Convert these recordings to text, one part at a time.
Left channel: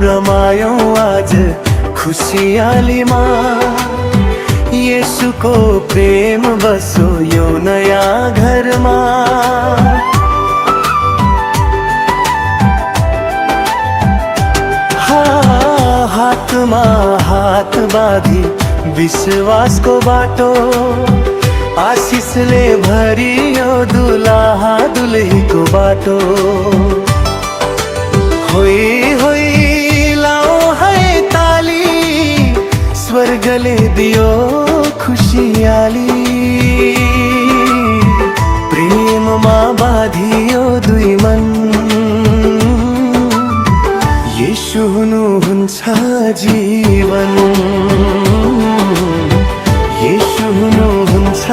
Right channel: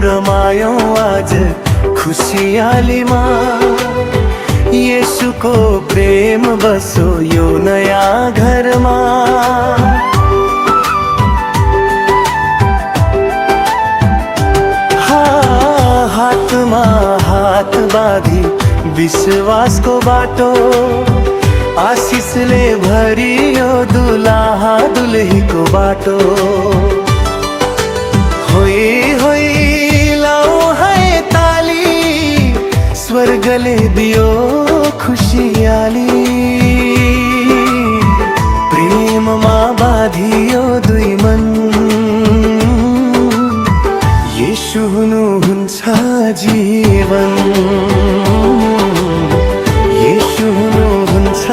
रमायौं आज खुसियालीमा। येशूको प्रेम बसो यो नयाँ घरमा। हातमा हात बाँधी विश्वासको बाटो, आशिषले भरियो दुलाहा दुलहीको बाटो। होई होई लाओ है ताली, स्वर्गले दियो खुशियाली। प्रेममा बाँधियो दुई मन, येशू हुनुहुन्छ जीवन। येशू हुनुहुन्छ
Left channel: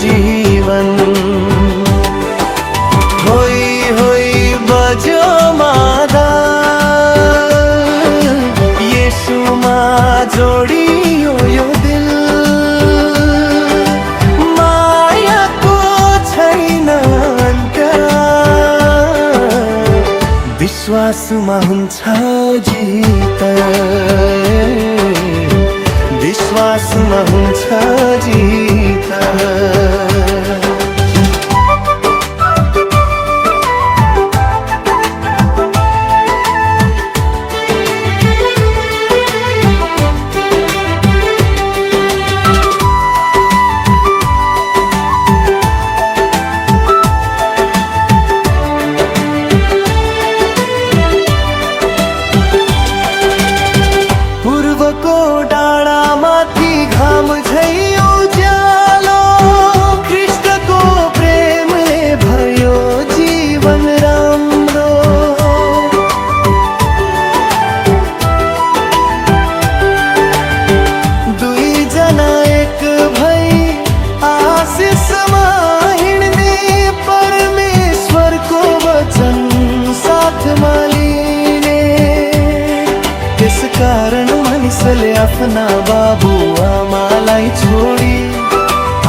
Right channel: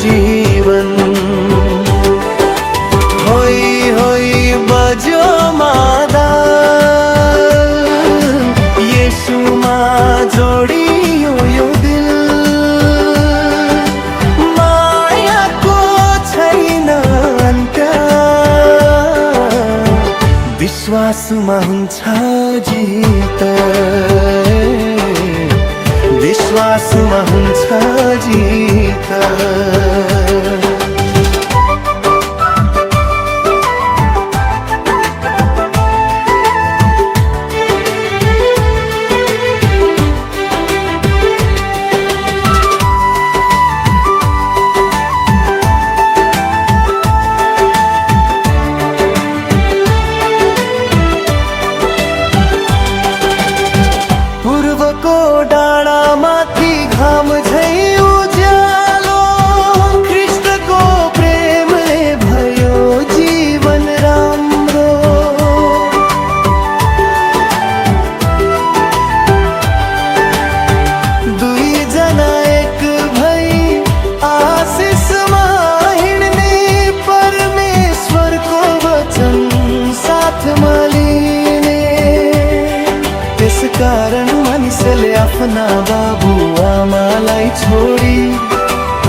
जीवन। होई होई बजो मादा, येशूमा जोडियो यो दिल। मायाको छैन अन्त्य, विश्वासमा हुन्छ जित। विश्वासमा हुन्छ जित। पूर्वको डाँडा माथि घाम झै उज्यालो, ख्रीष्टको प्रेमले भयो जीवन राम्रो। दुई जना एक भई आशिषमा हिँड्ने, परमेश्वरको वचन साथमा लिने। त्यसकारण मानिसले आफ्ना बाबुआमालाई छोडी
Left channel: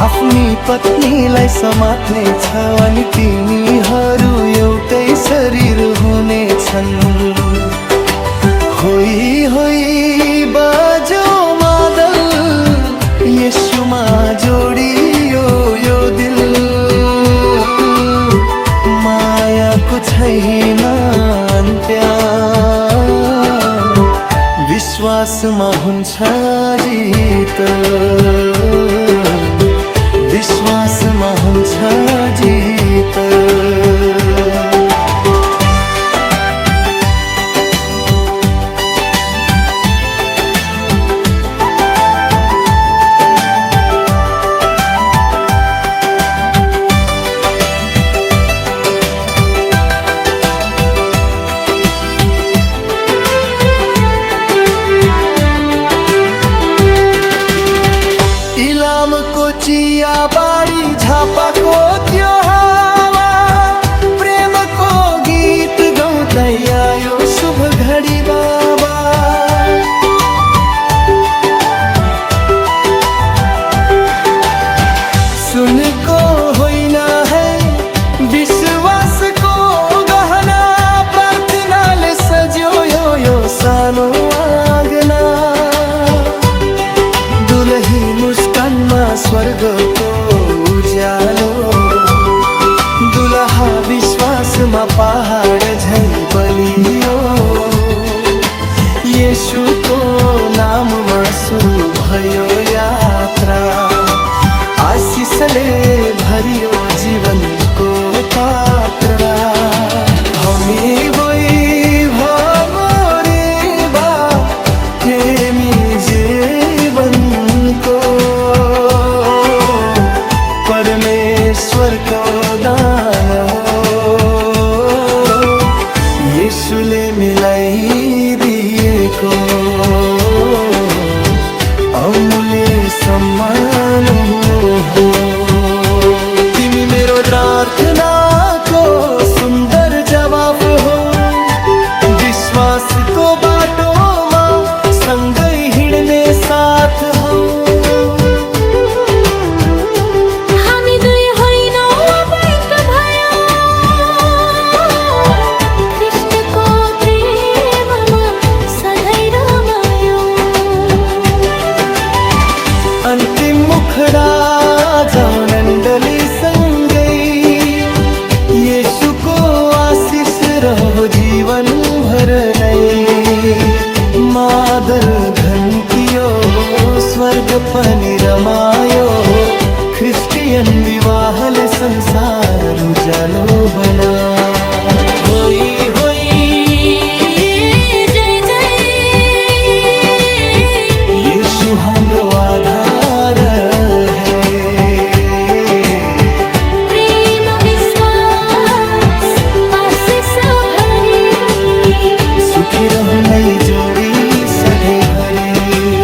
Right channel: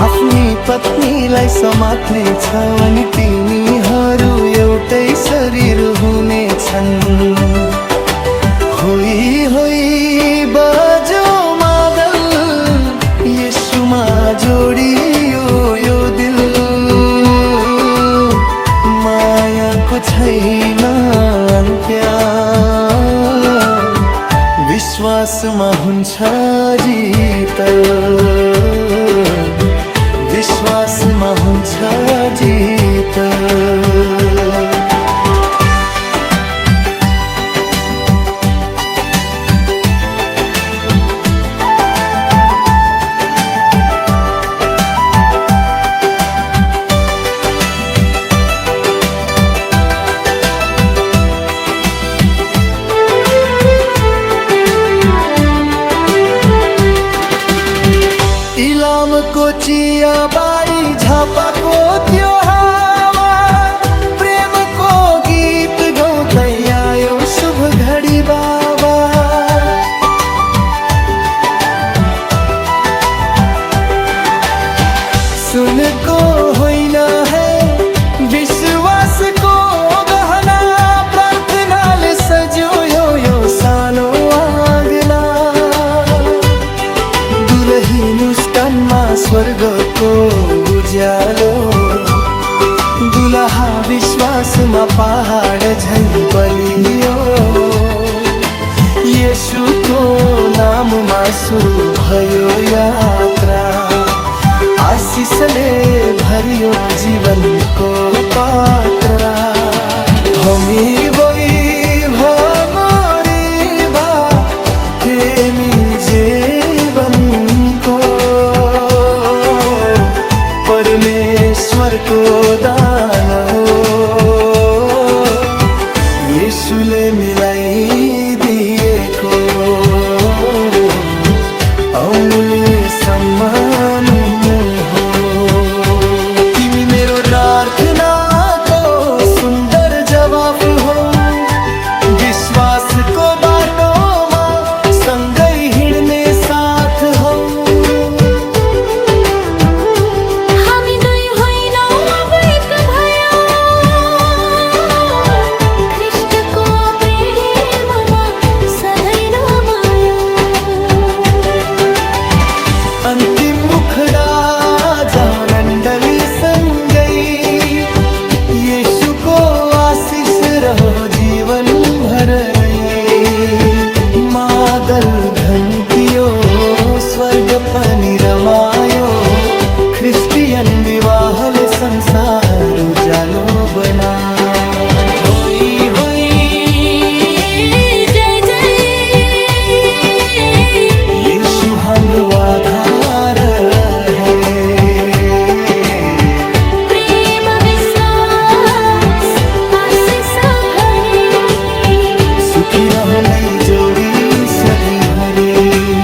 आफ्नी पत्नीलाई समात्ने छ, अनि तिनीहरू एउटै शरीर हुनेछन्। होई होई बजो मादल, येशूमा जोडियो यो दिल। मायाको छैन अन्त्य, विश्वासमा हुन्छ जित। विश्वासमा हुन्छ जित। इलामको चिया बारी, झापाको त्यो हावा, प्रेमको गीत गाउँदै आयो शुभ घडी बाबा। सुनको होइन है विश्वासको गहना, प्रार्थनाले सज्यो यो सानो आँगना। दुलही मुस्कानमा स्वर्गको उज्यालो, दुलहा विश्वासमा पहाड झै बलियो। येशूको नाममा सुरु भयो यात्रा, आशिषले भरियो जीवनको पात्र। हामी भमोरेबा केमी जीवनको, परमेश्वरको दान हो। येशूले मिलाइदिएको अमूल्य सम्मान हो। तिमी मेरो प्रार्थनाको सुन्दर जवाफ हो। विश्वासको बाटोमा सँगै हिँड्ने साथ हो। हामी दुई होइनौ अब एक भयो, ख्रीष्टको प्रेममा मुखडा जानंडली संगई, यीशु को आशीष रहो जीवन भर नहीं। मादल घंटियो स्वर्ग पनि रमायो, क्रिस्टियन विवाहले संसार उजालो बना। होई होई जय जय, यीशु हाम्रो आधार है। प्रेम विश्वास आशीष भरी, सुखी रहु नै जोडी सधैँ भरि।